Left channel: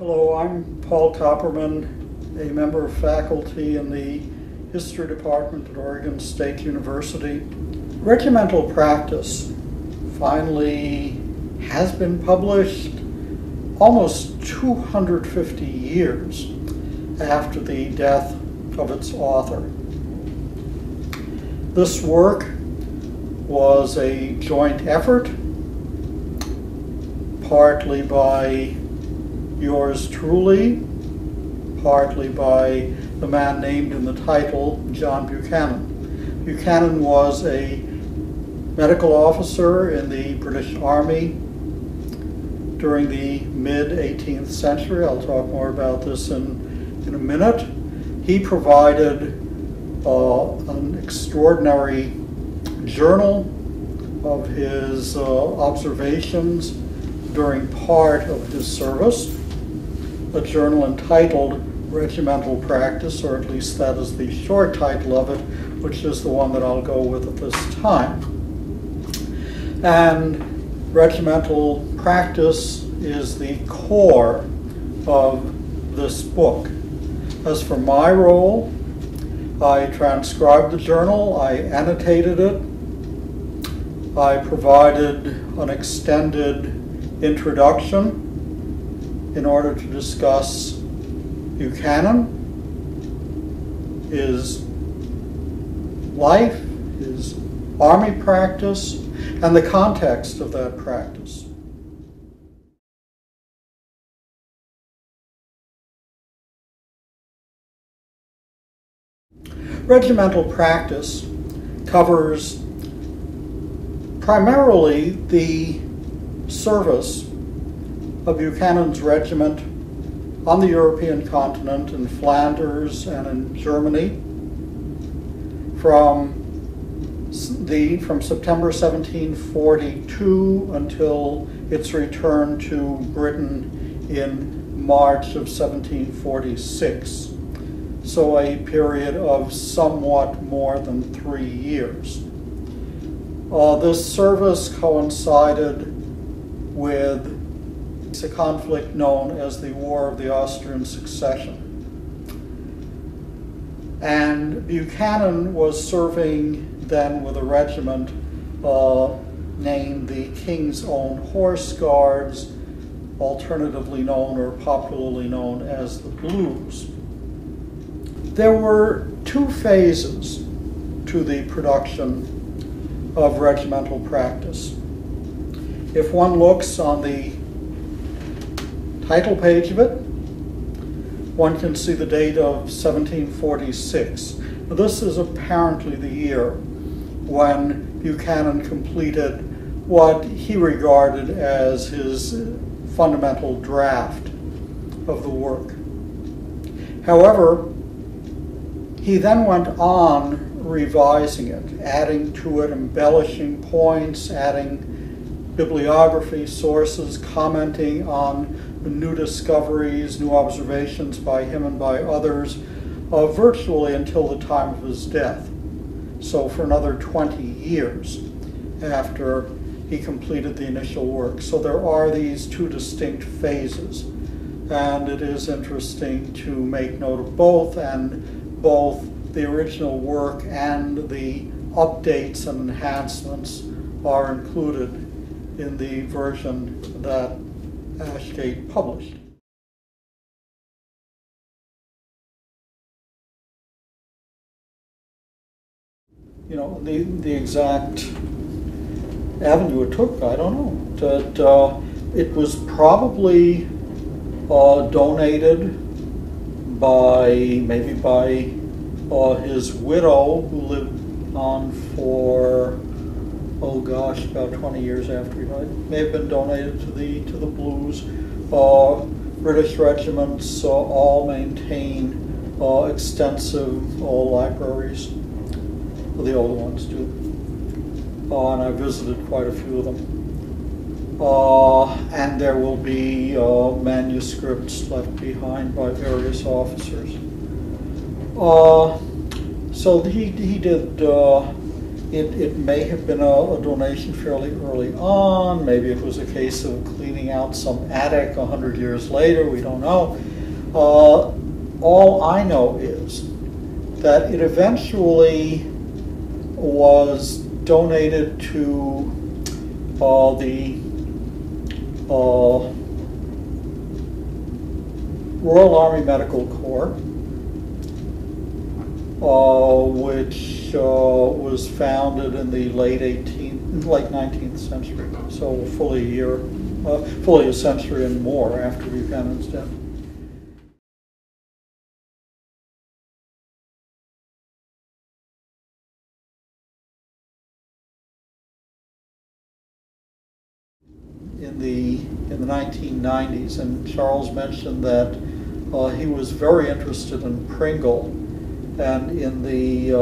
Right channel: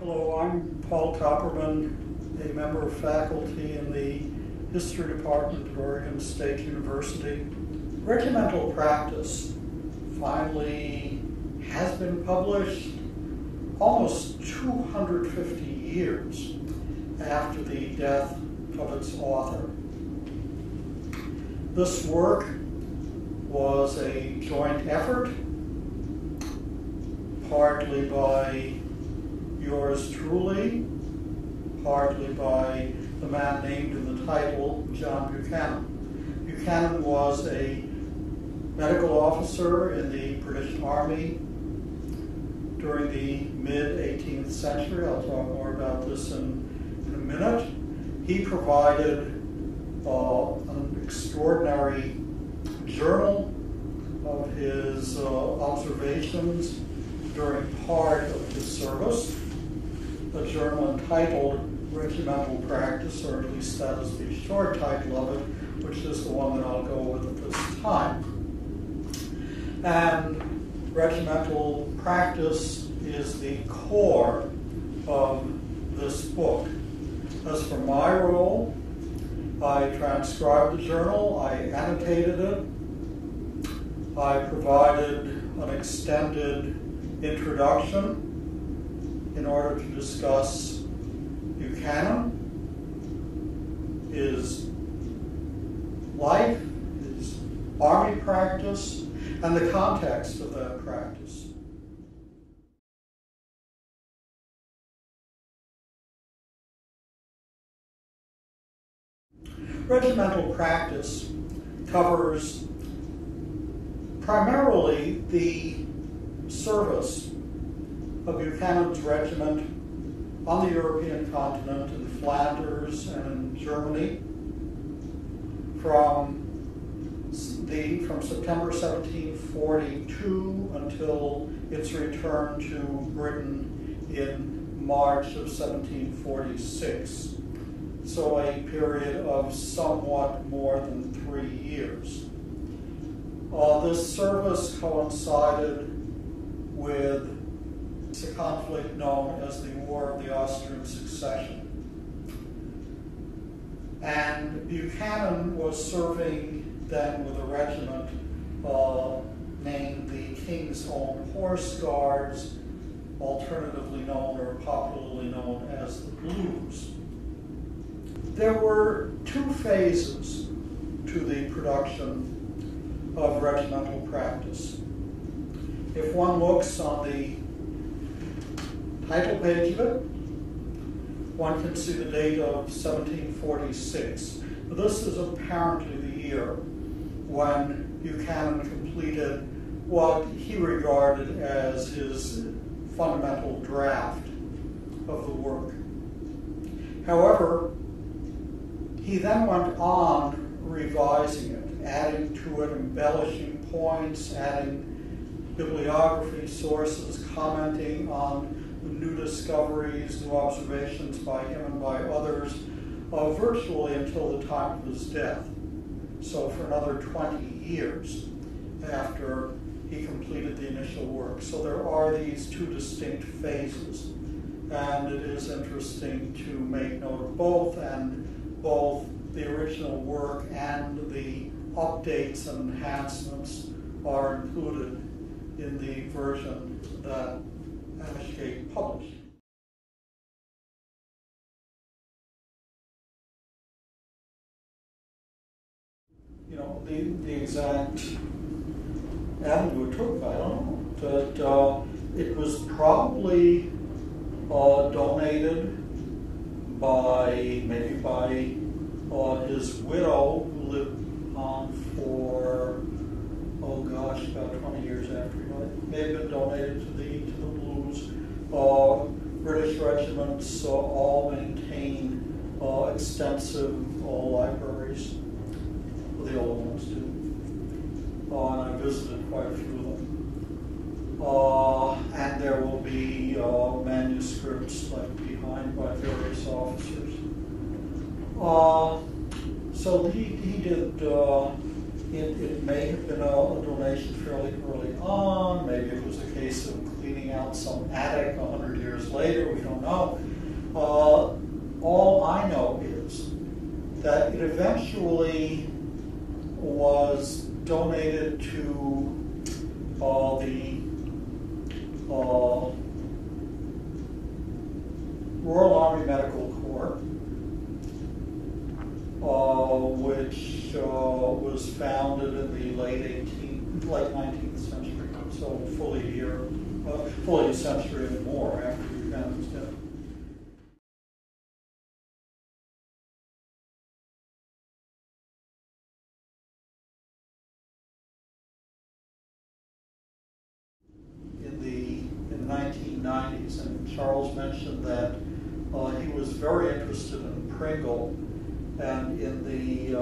Hello, I'm Paul Kopperman, a member of faculty in the History Department at Oregon State University. Regimental Practice finally has been published almost 250 years after the death of its author. This work was a joint effort, partly by yours truly, partly by the man named in the title, John Buchanan. Buchanan was a medical officer in the British Army during the mid-18th century. I'll talk more about this in a minute. He provided an extraordinary journal of his observations during part of his service, a journal entitled Regimental Practice, or at least that is the short title of it, which is the one that I'll go with at this time. And Regimental Practice is the core of this book. As for my role, I transcribed the journal, I annotated it, I provided an extended introduction in order to discuss Buchanan, his life, his army practice, and the context of that practice. Regimental practice covers primarily the service of Buchanan's regiment on the European continent, in Flanders and in Germany, from September 1742 until its return to Britain in March of 1746. So a period of somewhat more than 3 years. This service coincided with a conflict known as the War of the Austrian Succession. And Buchanan was serving then with a regiment named the King's Own Horse Guards, alternatively known or popularly known as the Blues. There were two phases to the production of regimental practice. If one looks on the title page of it, one can see the date of 1746. Now, this is apparently the year when Buchanan completed what he regarded as his fundamental draft of the work. However, he then went on revising it, adding to it, embellishing points, adding bibliography, sources, commenting on new discoveries, new observations by him and by others, virtually until the time of his death. So for another 20 years after he completed the initial work. So there are these two distinct phases, and it is interesting to make note of both, and both the original work and the updates and enhancements are included in the version that Ashgate published. You know, the exact avenue it took, I don't know. It was probably donated maybe by his widow, who lived on for, oh gosh, about 20 years after he died. May have been donated to the Blues. British regiments all maintain extensive libraries. Well, the older ones do. And I visited quite a few of them. And there will be manuscripts left behind by various officers. So he did It may have been a donation fairly early on. Maybe it was a case of cleaning out some attic 100 years later. We don't know. All I know is that it eventually was donated to the Royal Army Medical Corps, which was founded in the late 19th century, so fully a century and more after Buchanan's death. In the 1990s, and Charles mentioned that he was very interested in Pringle and in the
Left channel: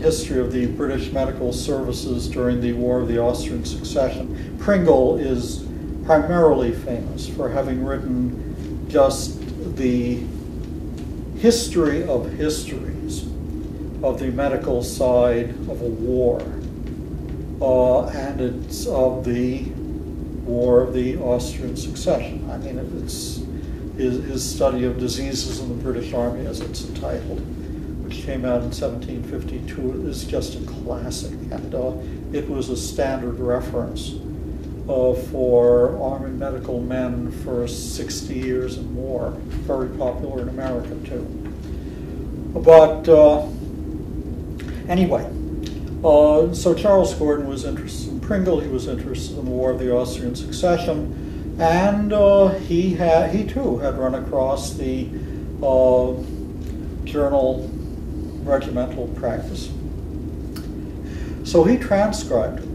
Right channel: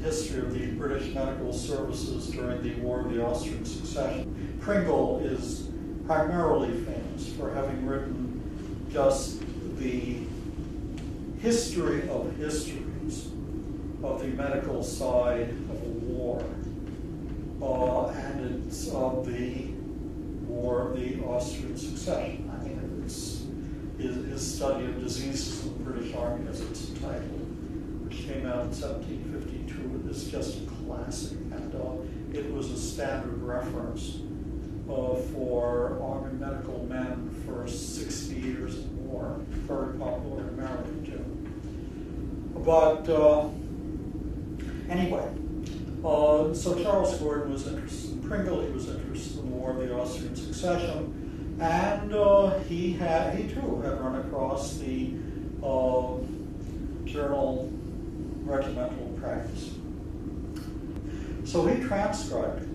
history of the British medical services during the War of the Austrian Succession. Pringle is primarily famous for having written just the history of histories of the medical side of a war. And it's of the War of the Austrian Succession. I mean, it's his study of diseases in the British Army, as it's entitled, which came out in 1752, is just a classic. And it was a standard reference for army medical men for 60 years and more. Very popular in America, too. But anyway, so Charles Gordon was interested in Pringle. He was interested in the War of the Austrian Succession, and he too had run across the journal Regimental Practice. So he transcribed it,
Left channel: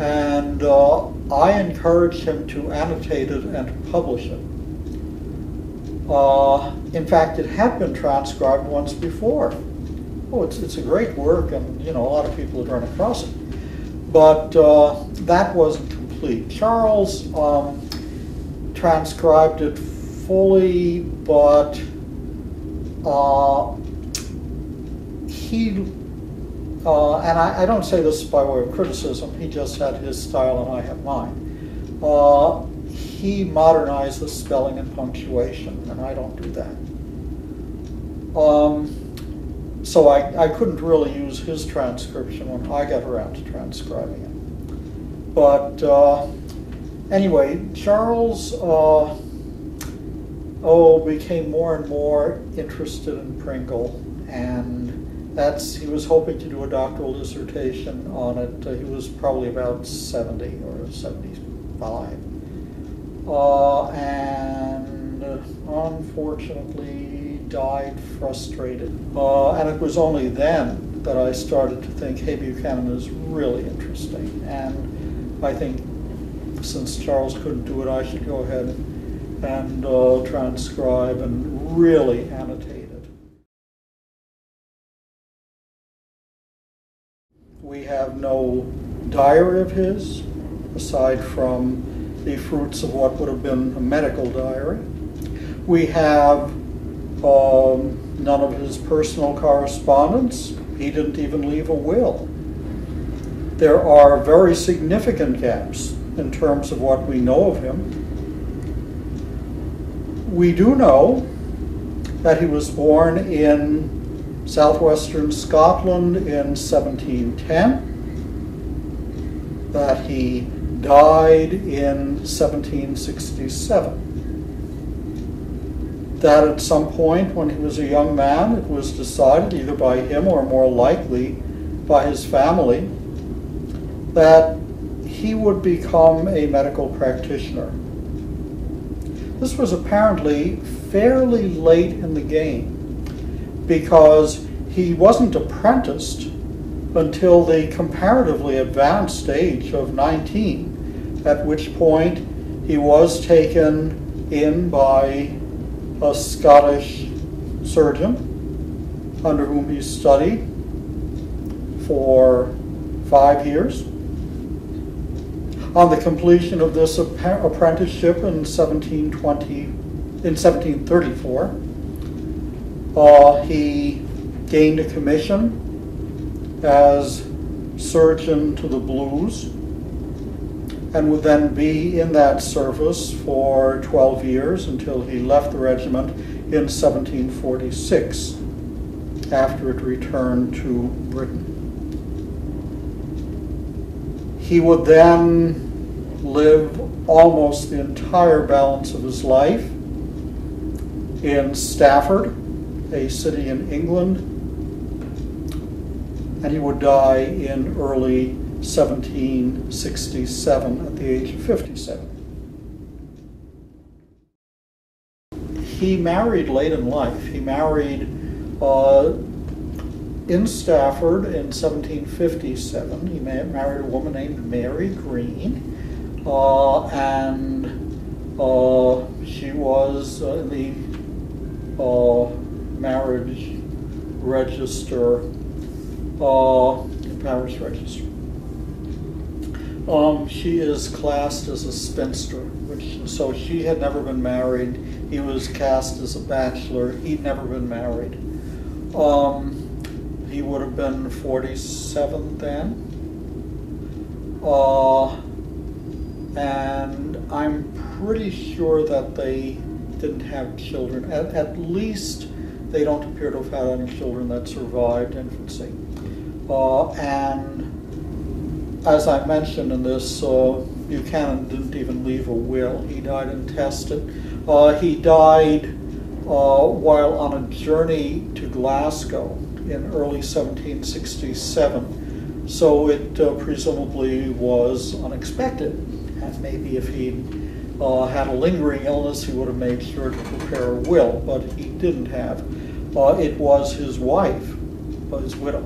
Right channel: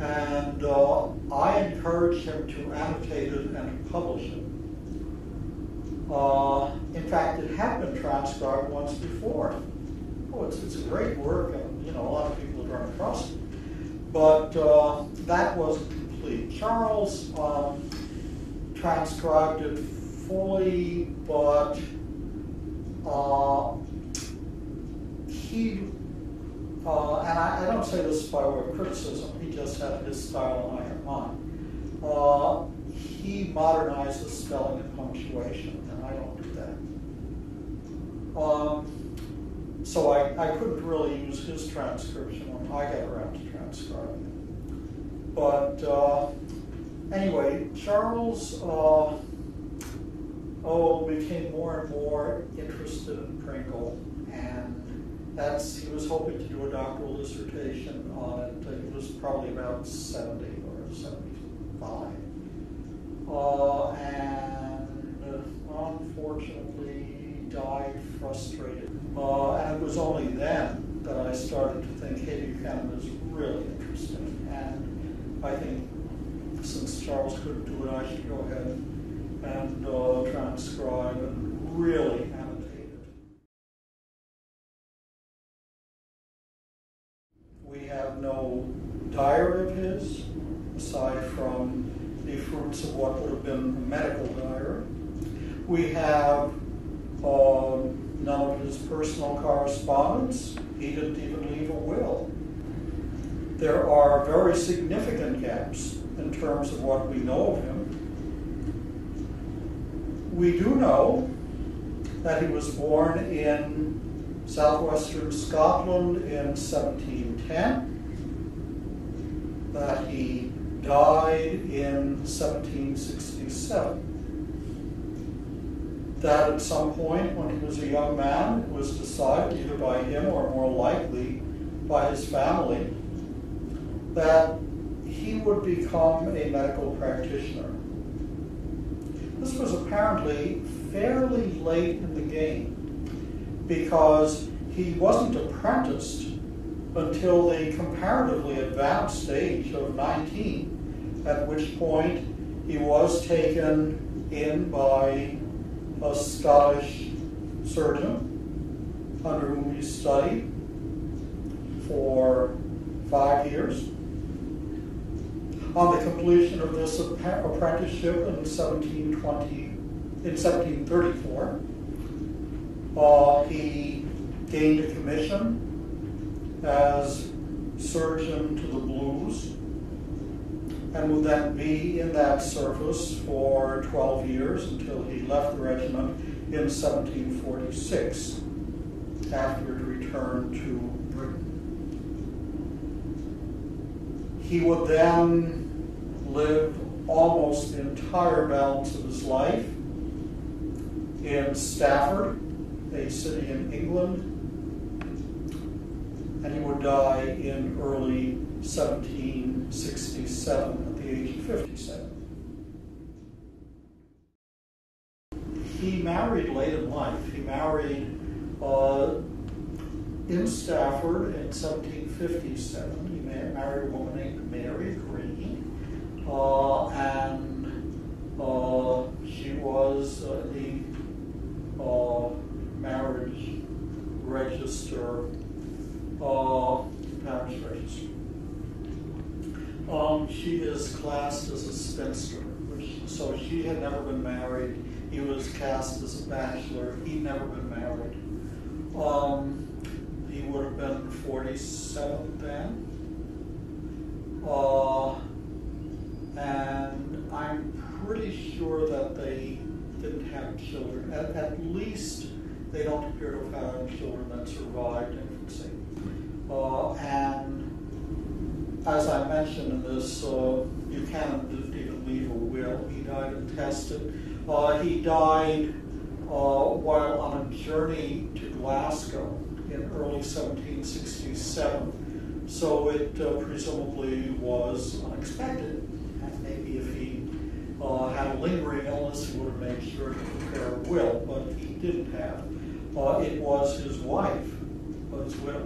and I encouraged him to annotate it and to publish it. In fact, it had been transcribed once before. Oh, it's a great work, and a lot of people had run across it. But that wasn't complete. Charles transcribed it fully, but and I don't say this by way of criticism, he just had his style and I had mine. He modernized the spelling and punctuation, and I don't do that. So I couldn't really use his transcription when I got around to transcribing it. But anyway, Charles became more and more interested in Pringle, and he was hoping to do a doctoral dissertation on it. He was probably about 70 or 75. And unfortunately died frustrated. And it was only then that I started to think, hey, Buchanan is really interesting. And I think since Charles couldn't do it, I should go ahead and transcribe and really annotate it. We have no diary of his, aside from the fruits of what would have been a medical diary. We have none of his personal correspondence. He didn't even leave a will. There are very significant gaps in terms of what we know of him. We do know that he was born in southwestern Scotland in 1710, that he died in 1767. That at some point when he was a young man, it was decided, either by him or more likely by his family, that he would become a medical practitioner. This was apparently fairly late in the game, because he wasn't apprenticed until the comparatively advanced age of 19, at which point he was taken in by a Scottish surgeon under whom he studied for 5 years. On the completion of this apprenticeship in 1734, he gained a commission as surgeon to the Blues, and would then be in that service for 12 years until he left the regiment in 1746, after it returned to Britain. He would then live almost the entire balance of his life in Stafford, a city in England, and he would die in early 1767 at the age of 57. He married late in life. He married in Stafford in 1757. He married a woman named Mary Green, and she was in the marriage register, parish register. She is classed as a spinster, so she had never been married. He was cast as a bachelor. He'd never been married. He would have been 47 then. And I'm pretty sure that they didn't have children. At least they don't appear to have had any children that survived infancy. And as I mentioned in this, Buchanan didn't even leave a will. He died intestate. He died while on a journey to Glasgow in early 1767. So it presumably was unexpected. And maybe if he'd had a lingering illness, he would have made sure to prepare a will, but he didn't have. It was his wife, his widow,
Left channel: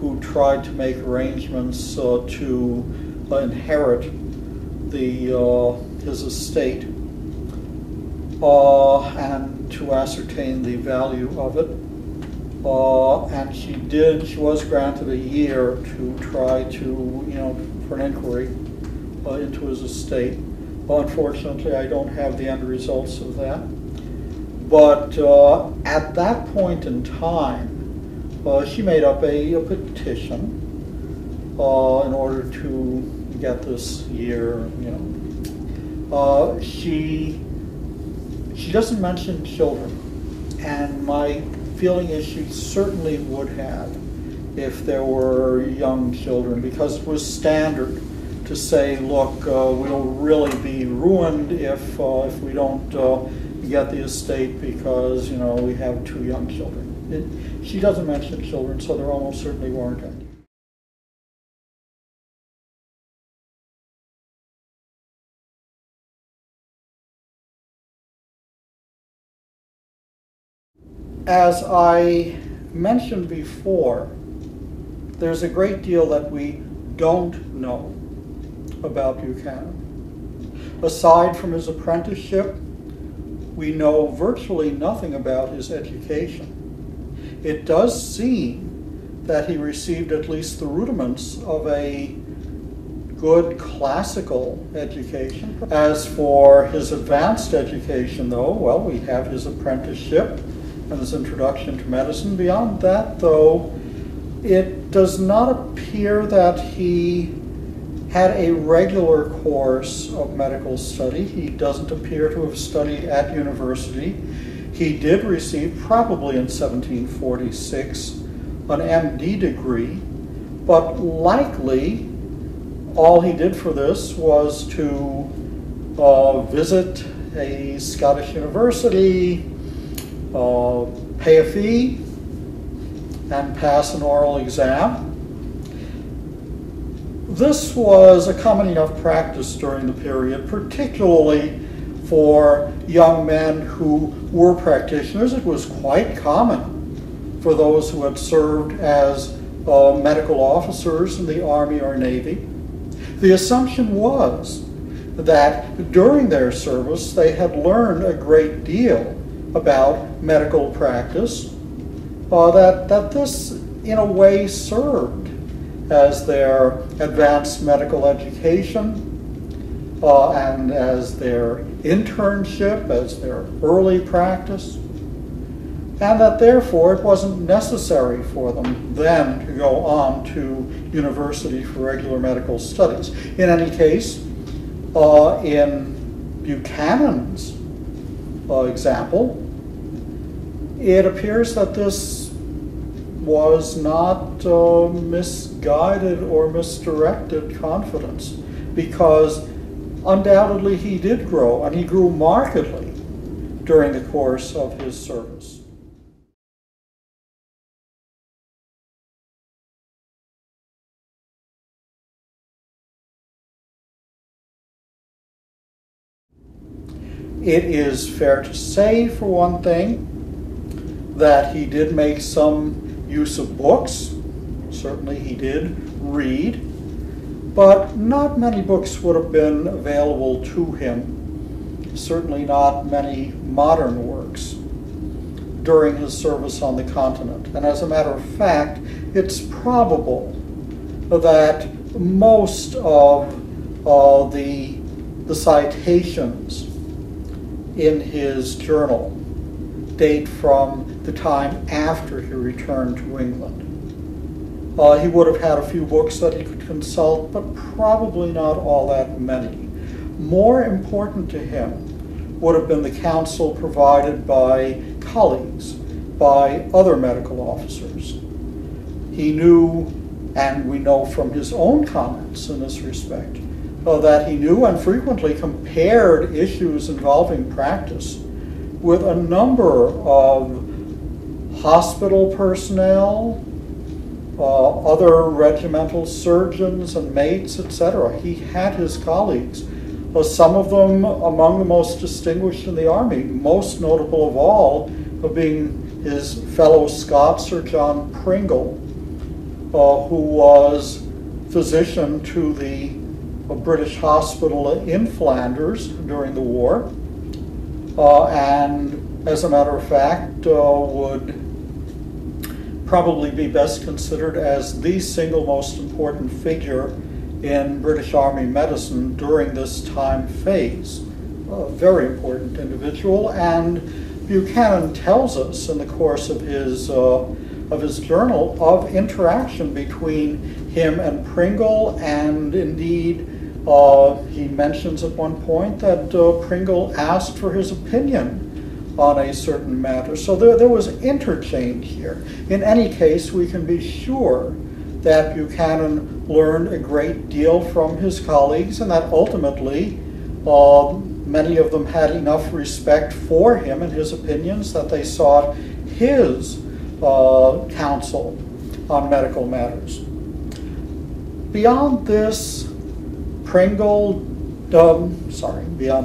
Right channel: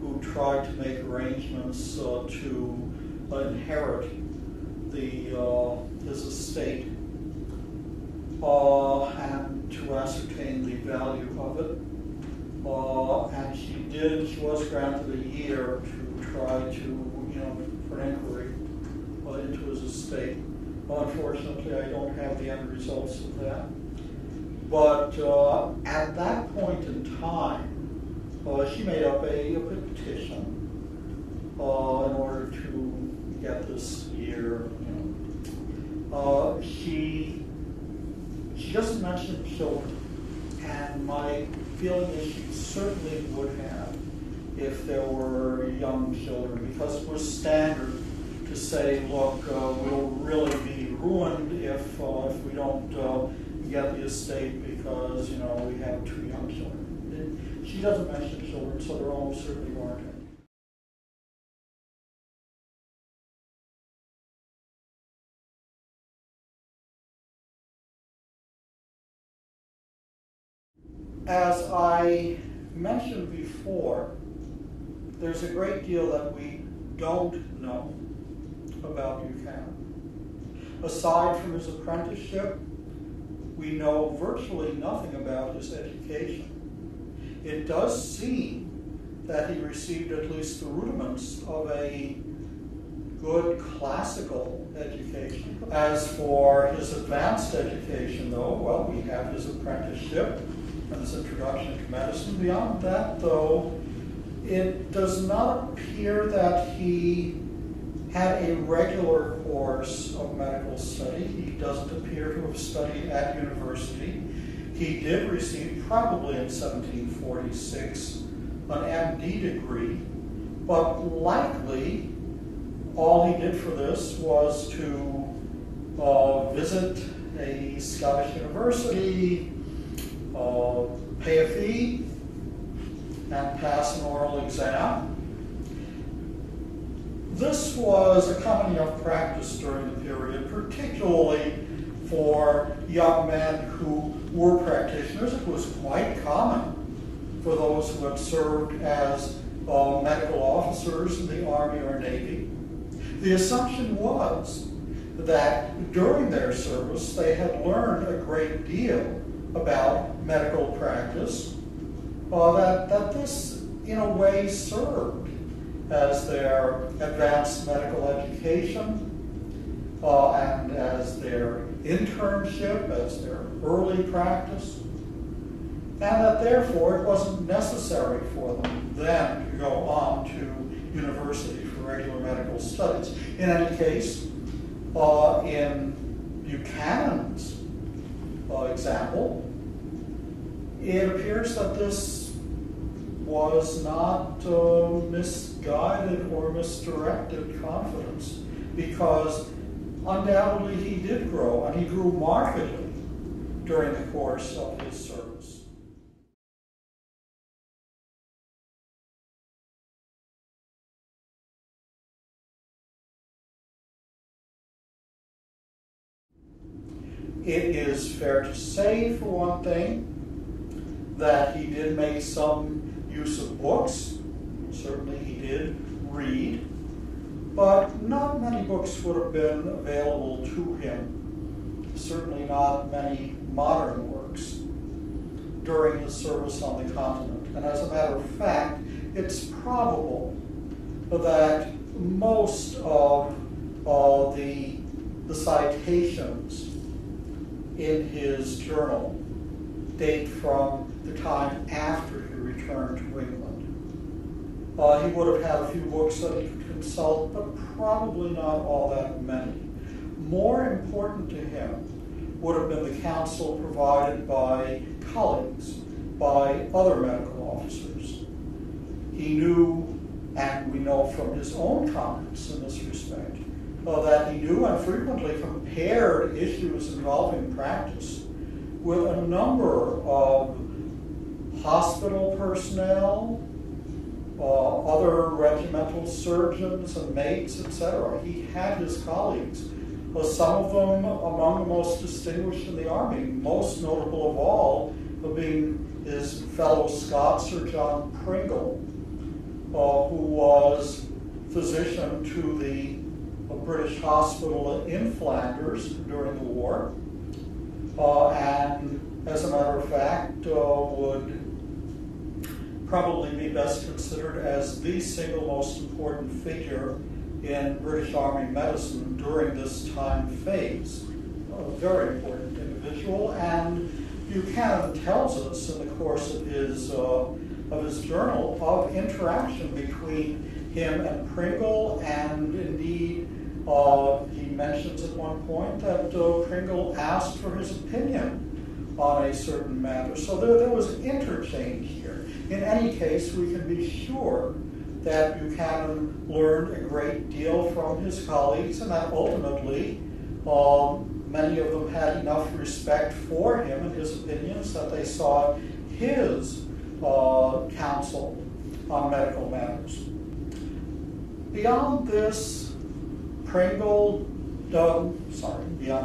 who tried to make arrangements to inherit his estate and to ascertain the value of it. And she did. She was granted a year to try to, for an inquiry into his estate. Unfortunately, I don't have the end results of that. But at that point in time, she made up a petition in order to get this year. She doesn't mention children, and my feeling is she certainly would have if there were young children, because it was standard to say, look, we'll really be ruined if we don't get the estate because we have 2 young children. She doesn't mention children, so there almost certainly weren't any. As I mentioned before, there's a great deal that we don't know about Buchanan. Aside from his apprenticeship, we know virtually nothing about his education. It does seem that he received at least the rudiments of a good classical education. As for his advanced education, though, well, we have his apprenticeship and his introduction to medicine. Beyond that, though, it does not appear that he had a regular course of medical study. He doesn't appear to have studied at university. He did receive, probably in 1746, an MD degree, but likely all he did for this was to visit a Scottish university, pay a fee, and pass an oral exam. This was a common enough practice during the period, particularly for young men who were practitioners. It was quite common for those who had served as medical officers in the Army or Navy. The assumption was that during their service they had learned a great deal about medical practice, that this in a way served as their advanced medical education and as their internship, as their early practice, and that therefore it wasn't necessary for them then to go on to university for regular medical studies. In any case, in Buchanan's example, it appears that this was not misguided or misdirected confidence, because undoubtedly he did grow, and he grew markedly during the course of his service. It is fair to say, for one thing, that he did make some use of books. Certainly he did read, but not many books would have been available to him, certainly not many modern works, during his service on the continent. And as a matter of fact, it's probable that most of the citations in his journal date from the time after he returned to England. He would have had a few books that he could consult, but probably not all that many. More important to him would have been the counsel provided by colleagues, by other medical officers. He knew, and we know from his own comments in this respect, that he knew and frequently compared issues involving practice with a number of hospital personnel, other regimental surgeons and mates, etc. He had his colleagues, some of them among the most distinguished in the army, most notable of all being his fellow Scot, Sir John Pringle, who was physician to the British hospital in Flanders during the war, and as a matter of fact would probably be best considered as the single most important figure in British Army medicine during this time phase. A very important individual, and Buchanan tells us in the course of his journal of interaction between him and Pringle, and indeed he mentions at one point that Pringle asked for his opinion on a certain matter. So there was interchange here. In any case, we can be sure that Buchanan learned a great deal from his colleagues, and that ultimately many of them had enough respect for him and his opinions that they sought his counsel on medical matters. Beyond this, beyond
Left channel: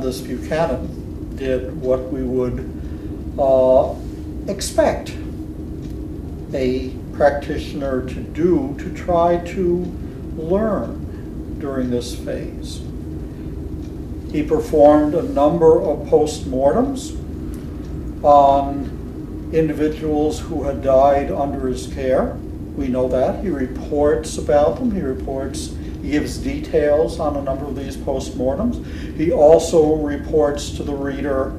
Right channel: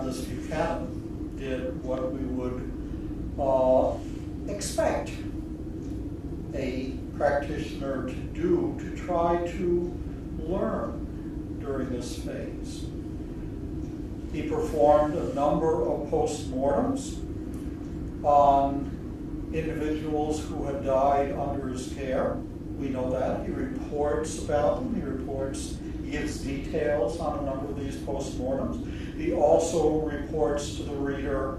this, Buchanan did what we would expect a practitioner to do to try to learn during this phase. He performed a number of postmortems on individuals who had died under his care. We know that. He reports about them. He gives details on a number of these postmortems. He also reports to the reader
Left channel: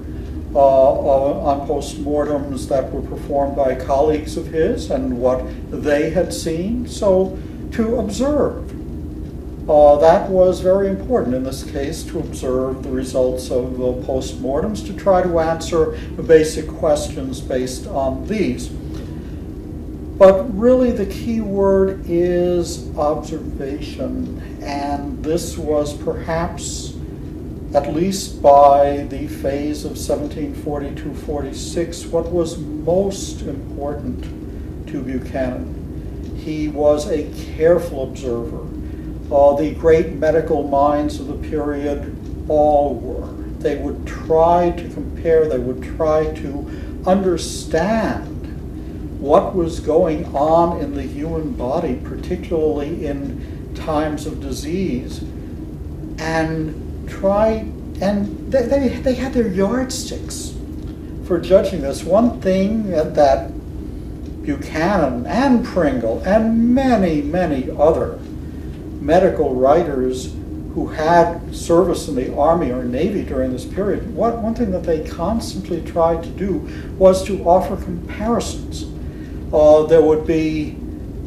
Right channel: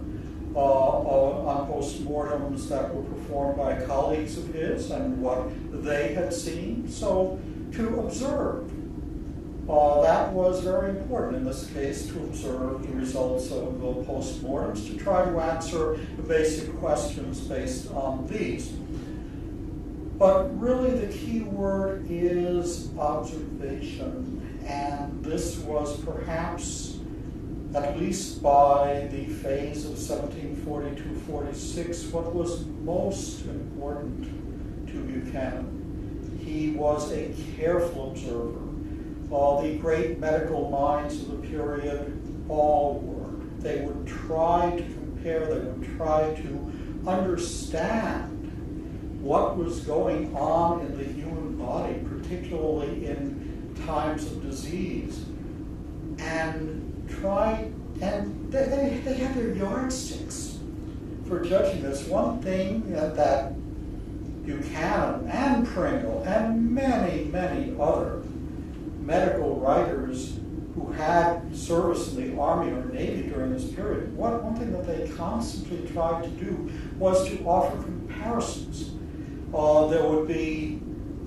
on postmortems that were performed by colleagues of his and what they had seen. So to observe, that was very important in this case, to observe the results of postmortems, to try to answer the basic questions based on these. But really the key word is observation, and this was perhaps, at least by the phase of 1742-46, what was most important to Buchanan. He was a careful observer. The great medical minds of the period all were. They would try to compare, they would try to understand what was going on in the human body, particularly in times of disease, and they had their yardsticks for judging this. One thing that Buchanan and Pringle and many, many other medical writers who had service in the Army or Navy during this period, one thing that they constantly tried to do was to offer comparisons. There would be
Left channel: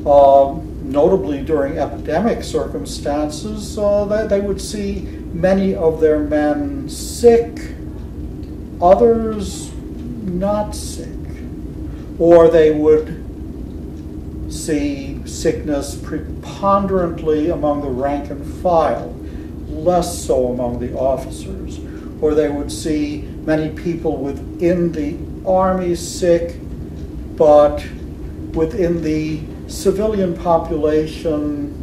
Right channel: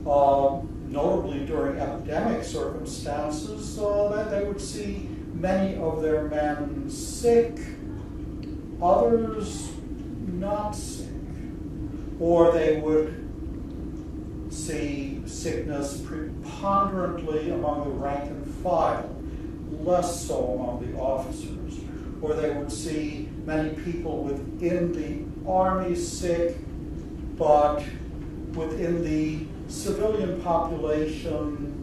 Notably during epidemic circumstances, they would see many of their men sick, others not sick, or they would see sickness preponderantly among the rank and file, less so among the officers, or they would see many people within the army sick, but within the civilian population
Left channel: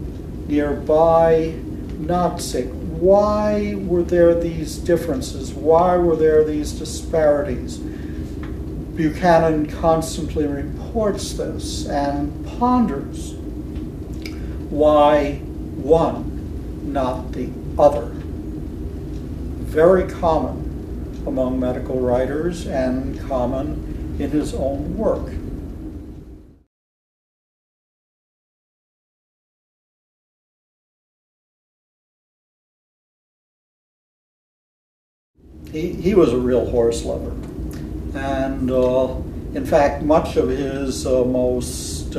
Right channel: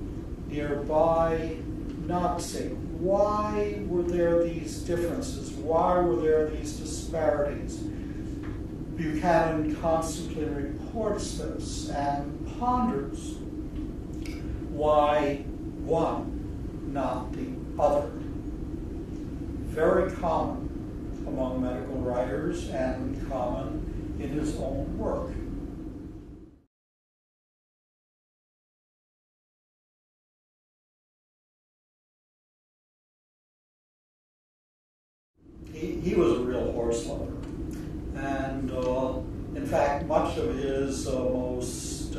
nearby not sick. Why were there these differences? Why were there these disparities? Buchanan constantly reports this and ponders why one, not the other. Very common among medical writers and common in his own work. He was a real horse lover. And in fact, much of his most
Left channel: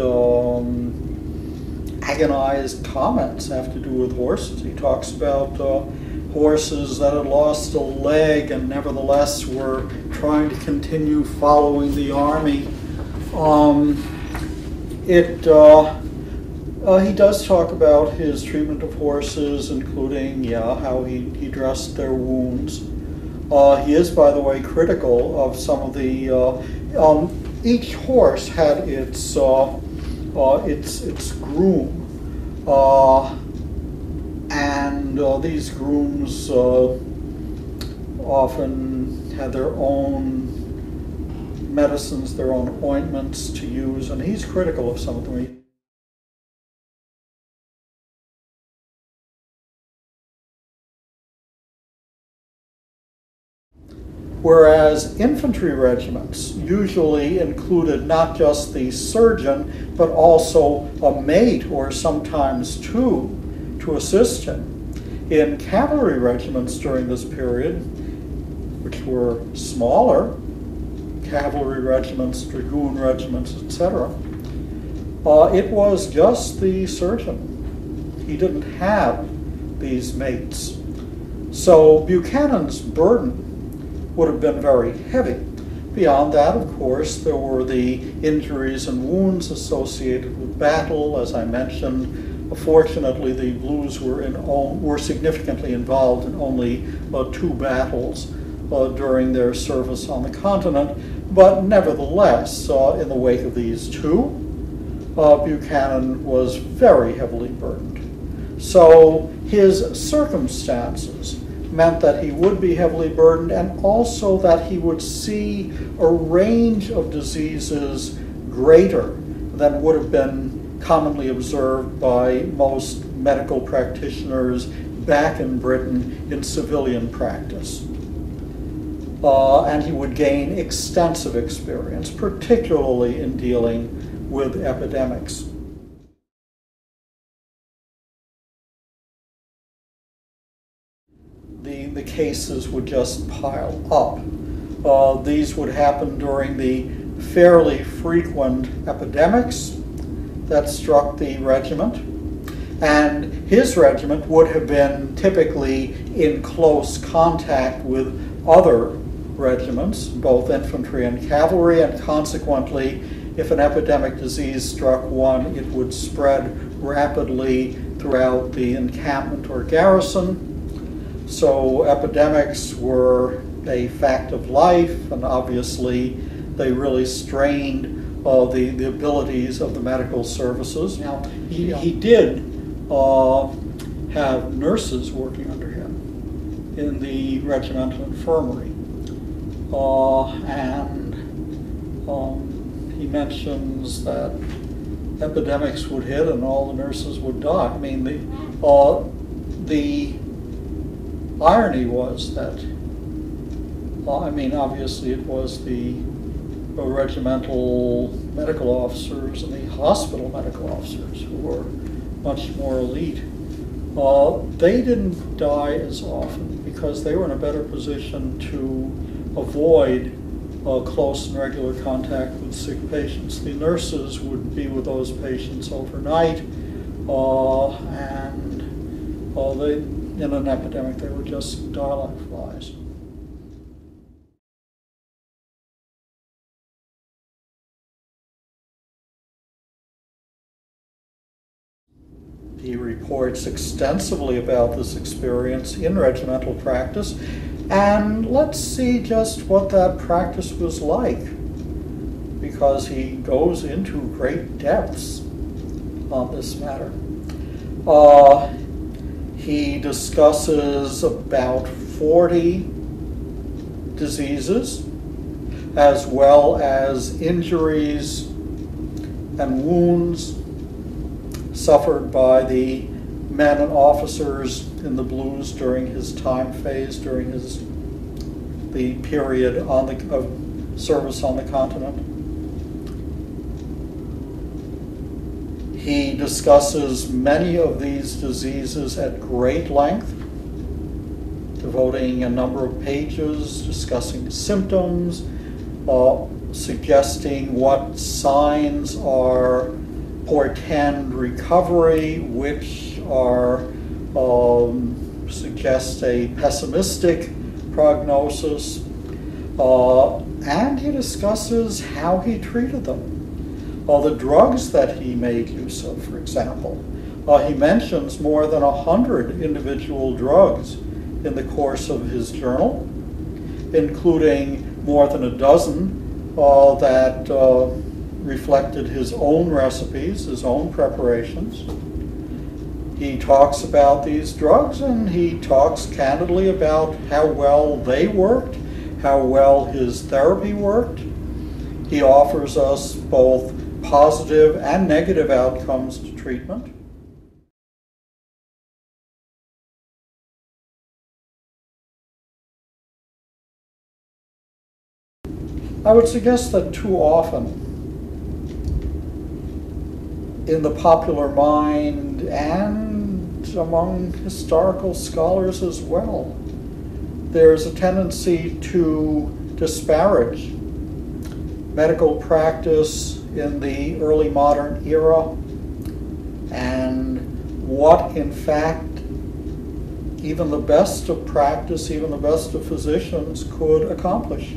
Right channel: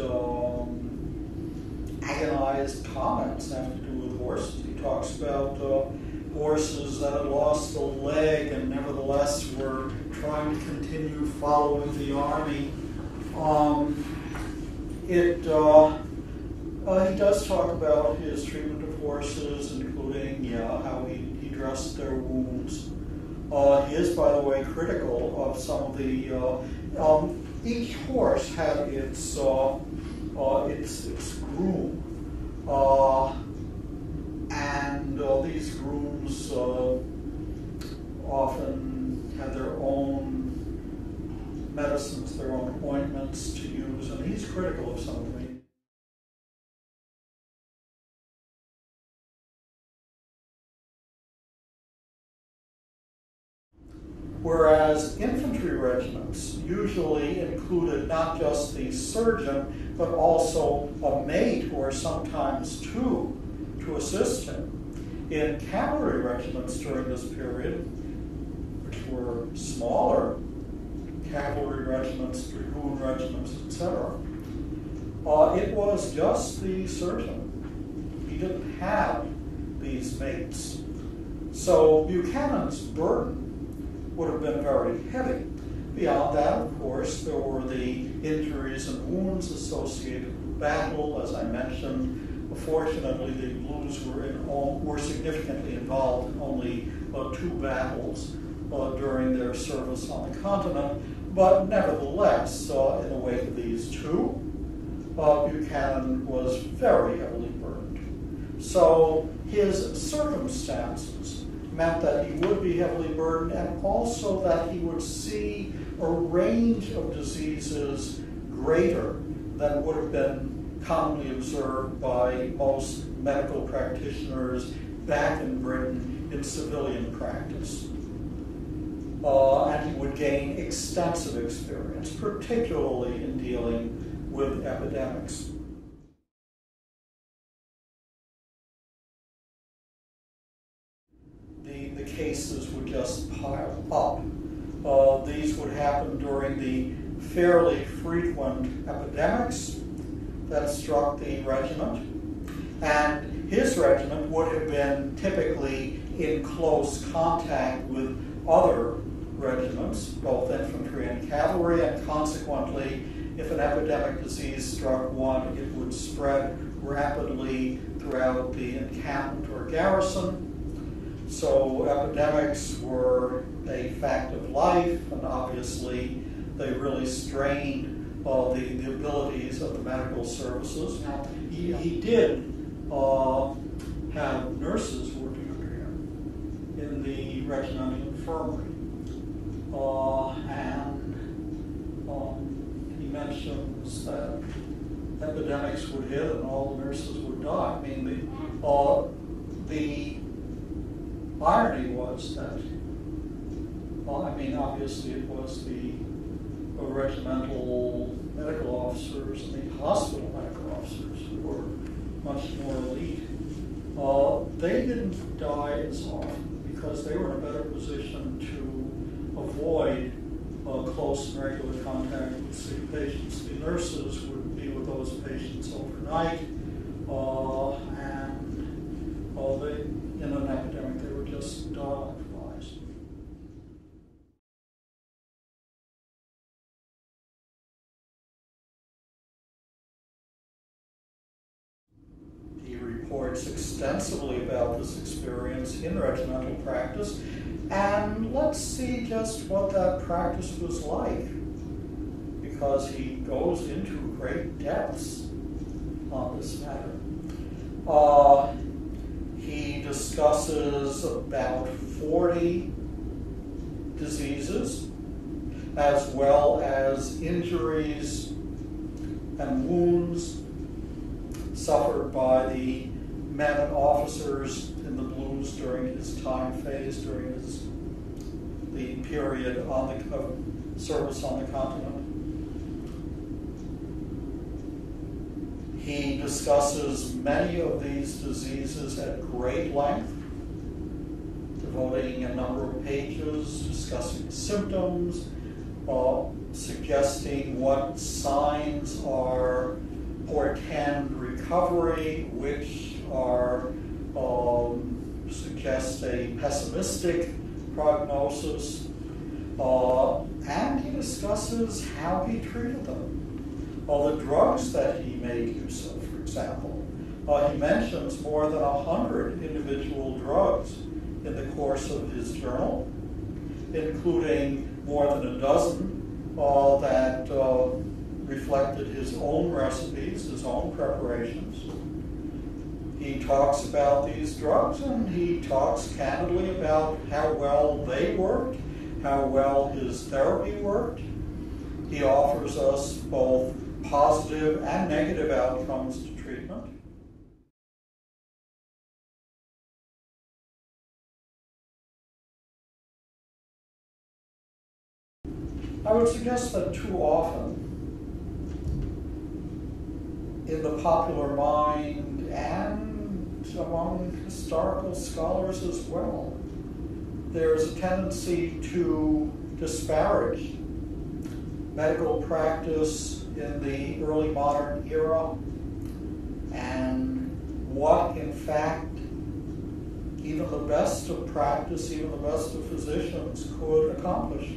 agonized comments have to do with horses. He talks about horses that had lost a leg and nevertheless were trying to continue following the army. He does talk about his treatment of horses, including how he dressed their wounds. He is, by the way, critical of some of the. Each horse had its groom, and these grooms often had their own medicines, their own ointments to use, and he's critical of some of them. Whereas infantry regiments usually included not just the surgeon, but also a mate or sometimes two to assist him. In cavalry regiments during this period, which were smaller, cavalry regiments, dragoon regiments, etc., it was just the surgeon. He didn't have these mates. So Buchanan's burden would have been very heavy. Beyond that, of course, there were the injuries and wounds associated with battle. As I mentioned, fortunately, the Blues were significantly involved in only 2 battles during their service on the continent. But nevertheless, in the wake of these 2, Buchanan was very heavily burdened. So his circumstances meant that he would be heavily burdened, and also that he would see a range of diseases greater than would have been commonly observed by most medical practitioners back in Britain in civilian practice. And he would gain extensive experience, particularly in dealing with epidemics. The cases would just pile up. These would happen during the fairly frequent epidemics that struck the regiment. And his regiment would have been typically in close contact with other regiments, both infantry and cavalry, and consequently, if an epidemic disease struck one, it would spread rapidly throughout the encampment or garrison. So epidemics were a fact of life, and obviously they really strained the abilities of the medical services. Now, he did have nurses working under him in the regimental infirmary. He mentions that epidemics would hit and all the nurses would die. I mean, the irony was that, obviously it was the regimental medical officers and the hospital medical officers who were much more elite. They didn't die as often because they were in a better position to avoid close and regular contact with sick patients. The nurses would be with those patients overnight, and in an epidemic they were just die-like flies. He reports extensively about this experience in Regimental Practice, and let's see just what that practice was like, because he goes into great depths on this matter. He discusses about 40 diseases, as well as injuries and wounds suffered by the men and officers in the Blues during his time phase, during the period of service on the continent. He discusses many of these diseases at great length, devoting a number of pages discussing symptoms, suggesting what signs portend recovery, which suggest a pessimistic prognosis, and he discusses how he treated them. The drugs that he made use of, for example. He mentions more than 100 individual drugs in the course of his journal, including more than a dozen that reflected his own recipes, his own preparations. He talks about these drugs, and he talks candidly about how well they worked, how well his therapy worked. He offers us both positive and negative outcomes to treatment. I would suggest that too often, in the popular mind and among historical scholars as well, there's a tendency to disparage medical practice in the early modern era and what, in fact, even the best of practice, even the best of physicians could accomplish.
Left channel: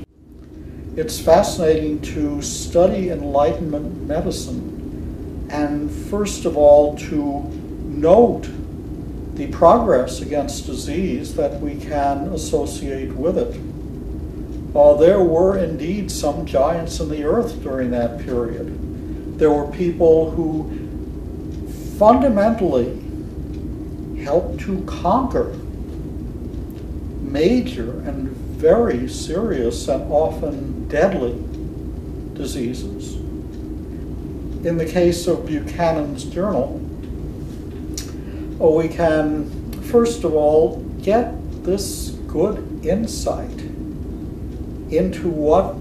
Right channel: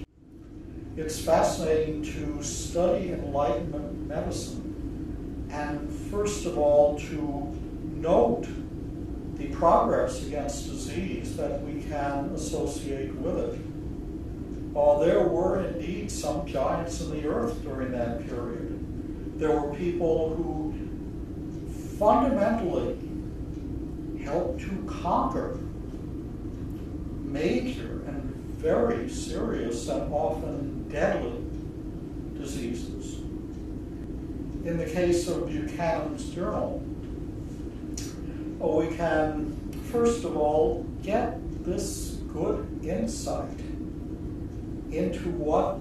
It's fascinating to study Enlightenment medicine, and first of all to note the progress against disease that we can associate with it. There were indeed some giants in the earth during that period. There were people who fundamentally helped to conquer major and very serious and often deadly diseases. In the case of Buchanan's journal, we can first of all get this good insight into what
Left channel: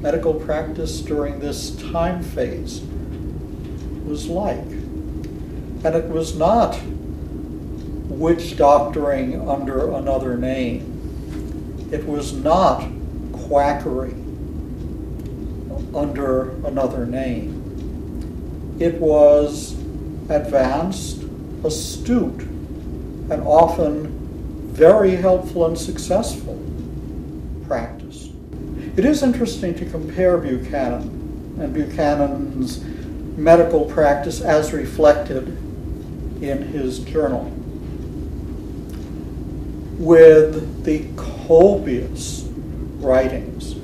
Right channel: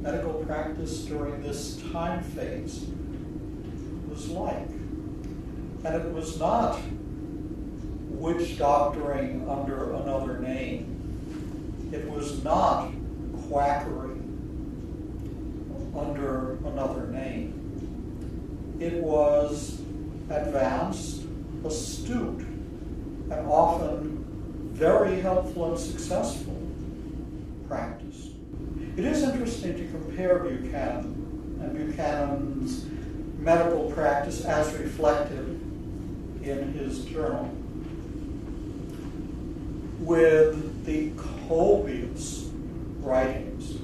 medical practice during this time phase was like. And it was not witch doctoring under another name. It was not quackery under another name. It was advanced, astute, and often very helpful and successful practice. It is interesting to compare Buchanan and Buchanan's medical practice as reflected in his journal with the copious writings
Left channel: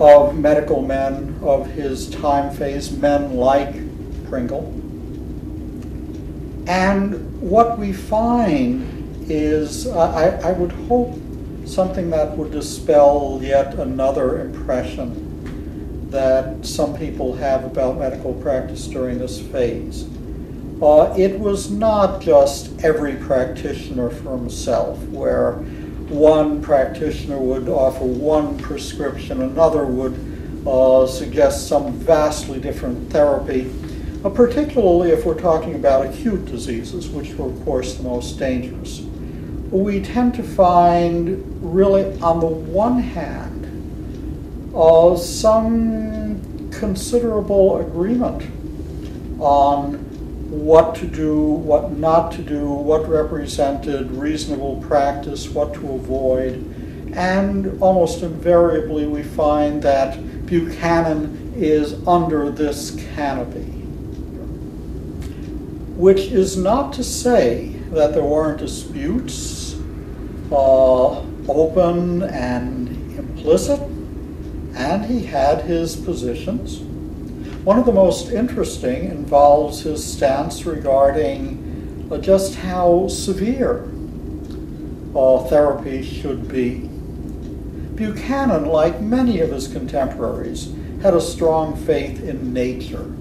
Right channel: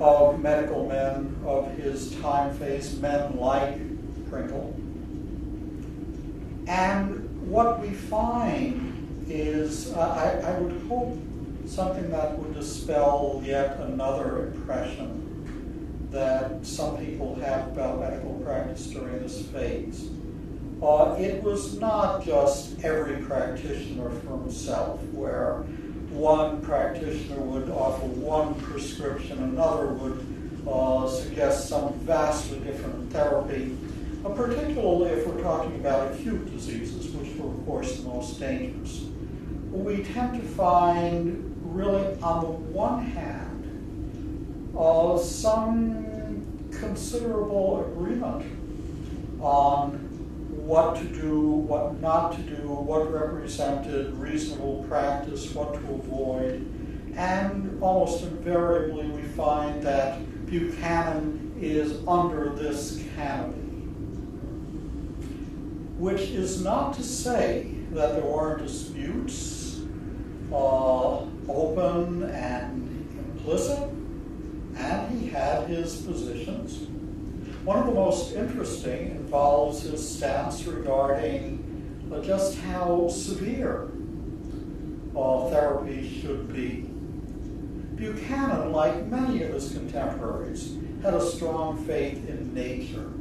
of medical men of his time phase, men like Pringle. And what we find is, I would hope, something that would dispel yet another impression that some people have about medical practice during this phase. It was not just every practitioner for himself, where one practitioner would offer one prescription, another would suggest some vastly different therapy, particularly if we're talking about acute diseases, which were, of course, the most dangerous. we tend to find, really, on the one hand, some considerable agreement on what to do, what not to do, what represented reasonable practice, what to avoid, and almost invariably we find that Buchanan is under this canopy. Which is not to say that there weren't disputes, open and implicit, and he had his positions. One of the most interesting involves his stance regarding just how severe therapy should be. Buchanan, like many of his contemporaries, had a strong faith in nature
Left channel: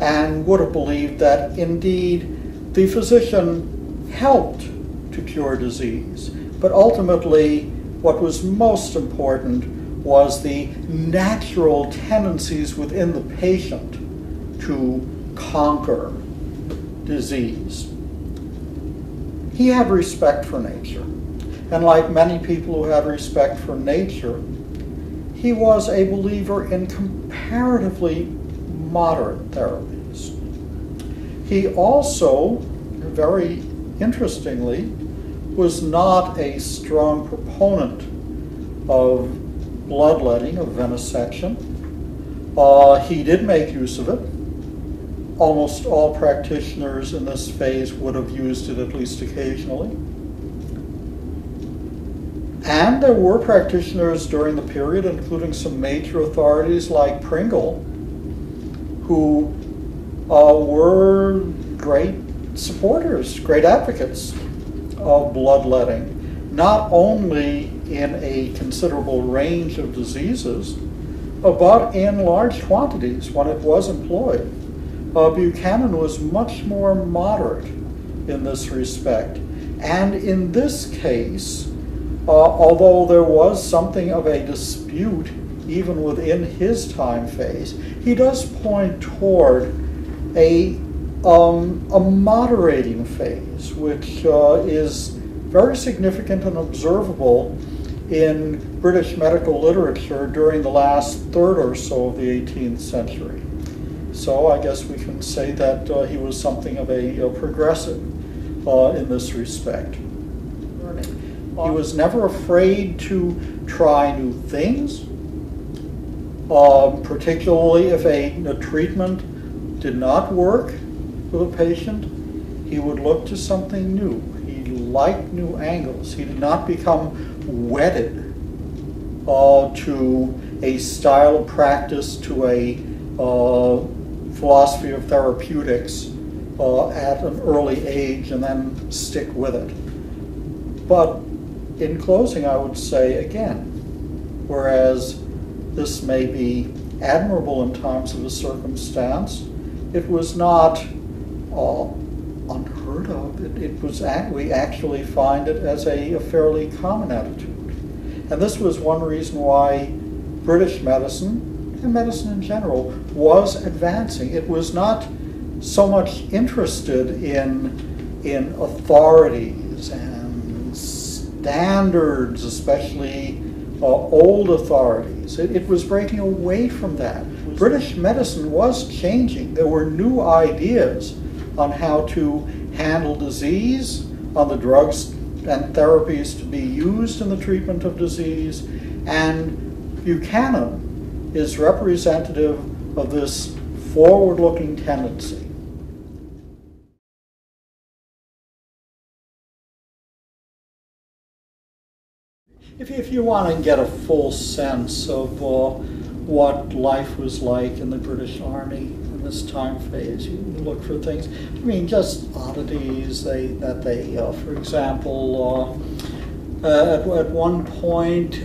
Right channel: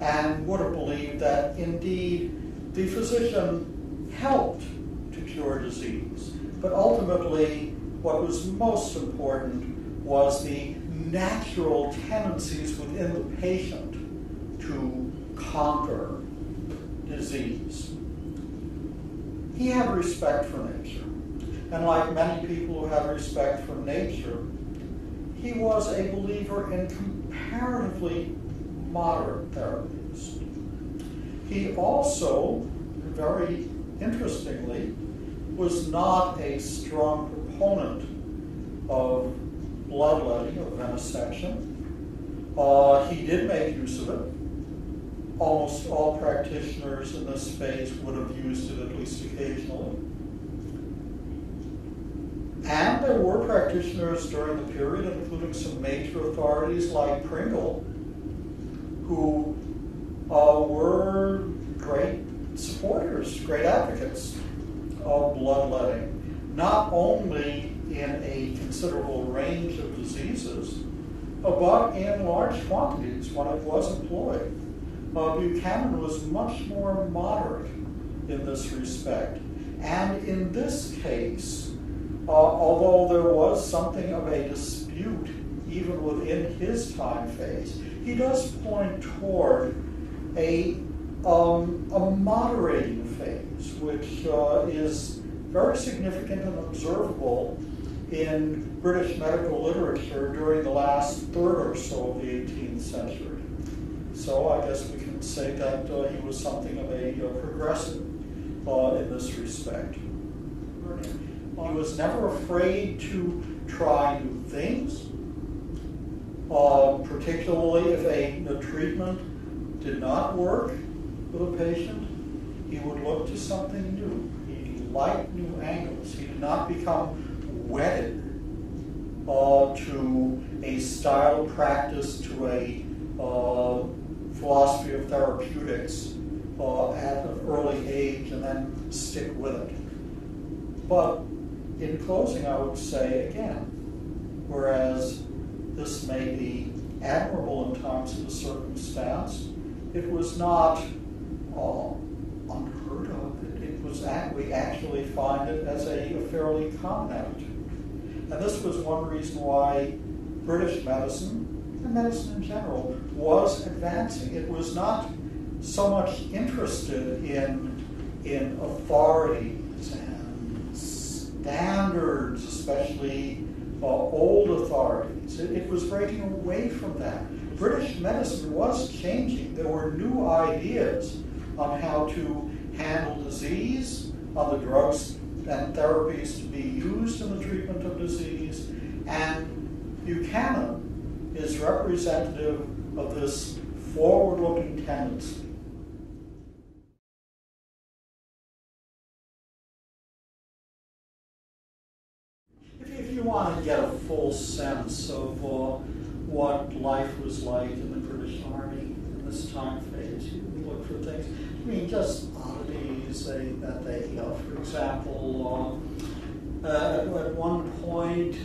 and would have believed that indeed the physician helped to cure disease, but ultimately what was most important was the natural tendencies within the patient to conquer disease. He had respect for nature, and like many people who had respect for nature, he was a believer in comparatively moderate therapies. He also, very interestingly, was not a strong proponent of bloodletting, of venesection. He did make use of it. Almost all practitioners in this phase would have used it at least occasionally. And there were practitioners during the period, including some major authorities like Pringle, who were great supporters, great advocates of bloodletting, not only in a considerable range of diseases, but in large quantities when it was employed. Buchanan was much more moderate in this respect. And in this case, although there was something of a dispute even within his time phase, he does point toward a moderating phase, which is very significant and observable in British medical literature during the last third or so of the 18th century. So I guess we can say that he was something of a progressive in this respect. He was never afraid to try new things, particularly if a treatment did not work with a patient. He would look to something new. He liked new angles. He did not become wedded to a style of practice, to a philosophy of therapeutics at an early age and then stick with it. But in closing, I would say again, whereas this may be admirable in times of the circumstance, it was not unheard of. We actually find it as a fairly common attitude. And this was one reason why British medicine, and medicine in general, was advancing. It was not so much interested in authorities and standards, especially old authorities. It was breaking away from that. British medicine was changing. There were new ideas on how to handle disease, on the drugs and therapies to be used in the treatment of disease, and Buchanan is representative of this forward-looking tendency. If you want to get a full sense of what life was like in the British Army in this time phase, you look for things. I mean, just oddities that they for example, at one point,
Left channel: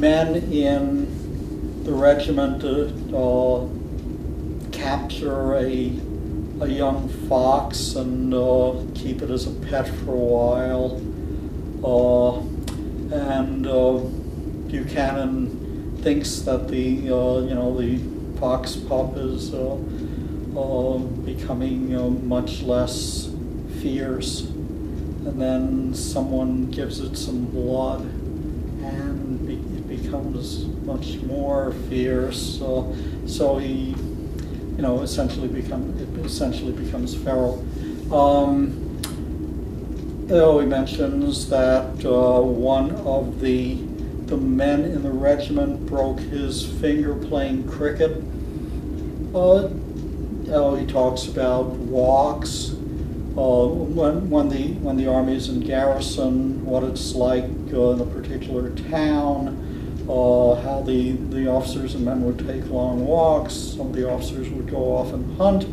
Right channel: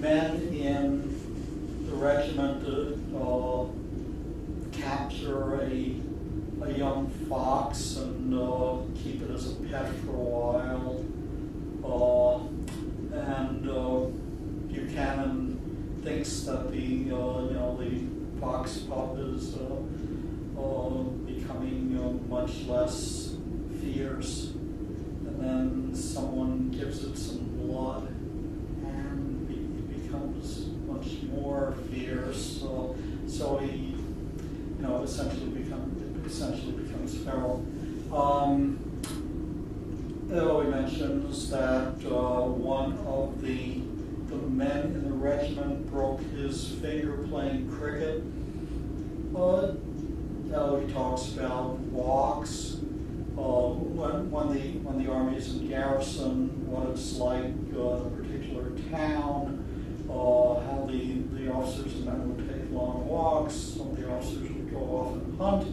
men in the regiment capture a young fox and keep it as a pet for a while. Buchanan thinks that the fox pup is becoming much less fierce, and then someone gives it some blood, and it becomes much more fierce. So he, essentially becomes feral. He mentions that one of the men in the regiment broke his finger playing cricket. He talks about walks. When the army is in garrison, what it's like in a particular town, how the officers and men would take long walks. Some of the officers would go off and hunt,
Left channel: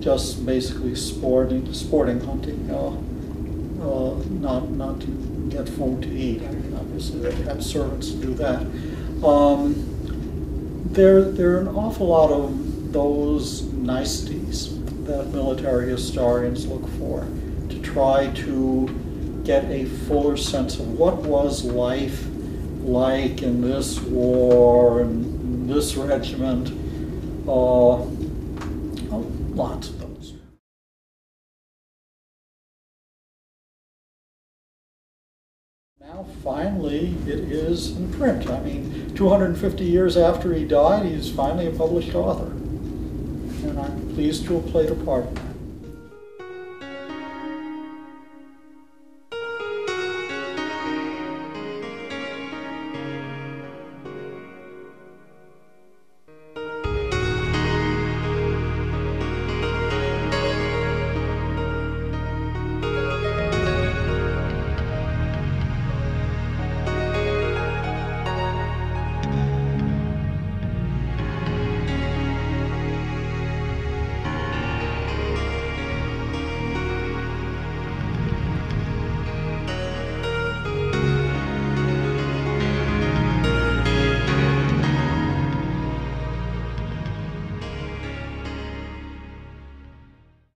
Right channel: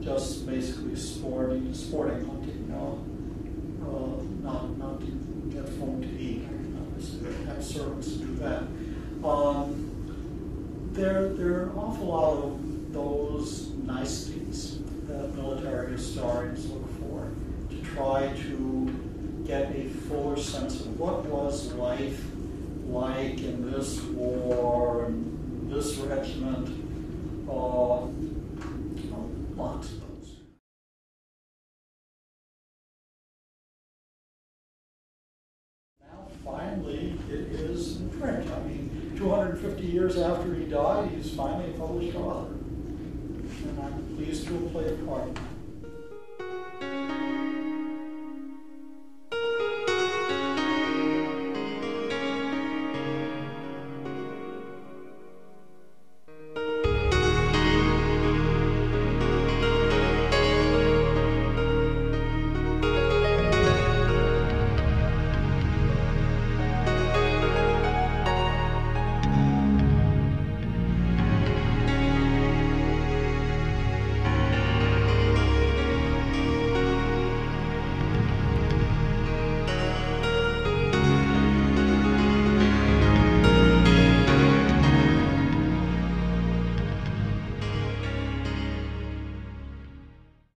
just basically sporting hunting, not to get food to eat. I mean, obviously they had servants to do that. There are an awful lot of those niceties that military historians look for to try to get a fuller sense of what was life like in this war and this regiment. Lots of those. Now finally it is in print. I mean, 250 years after he died, he's finally a published author. And I'm pleased to have played a part in that.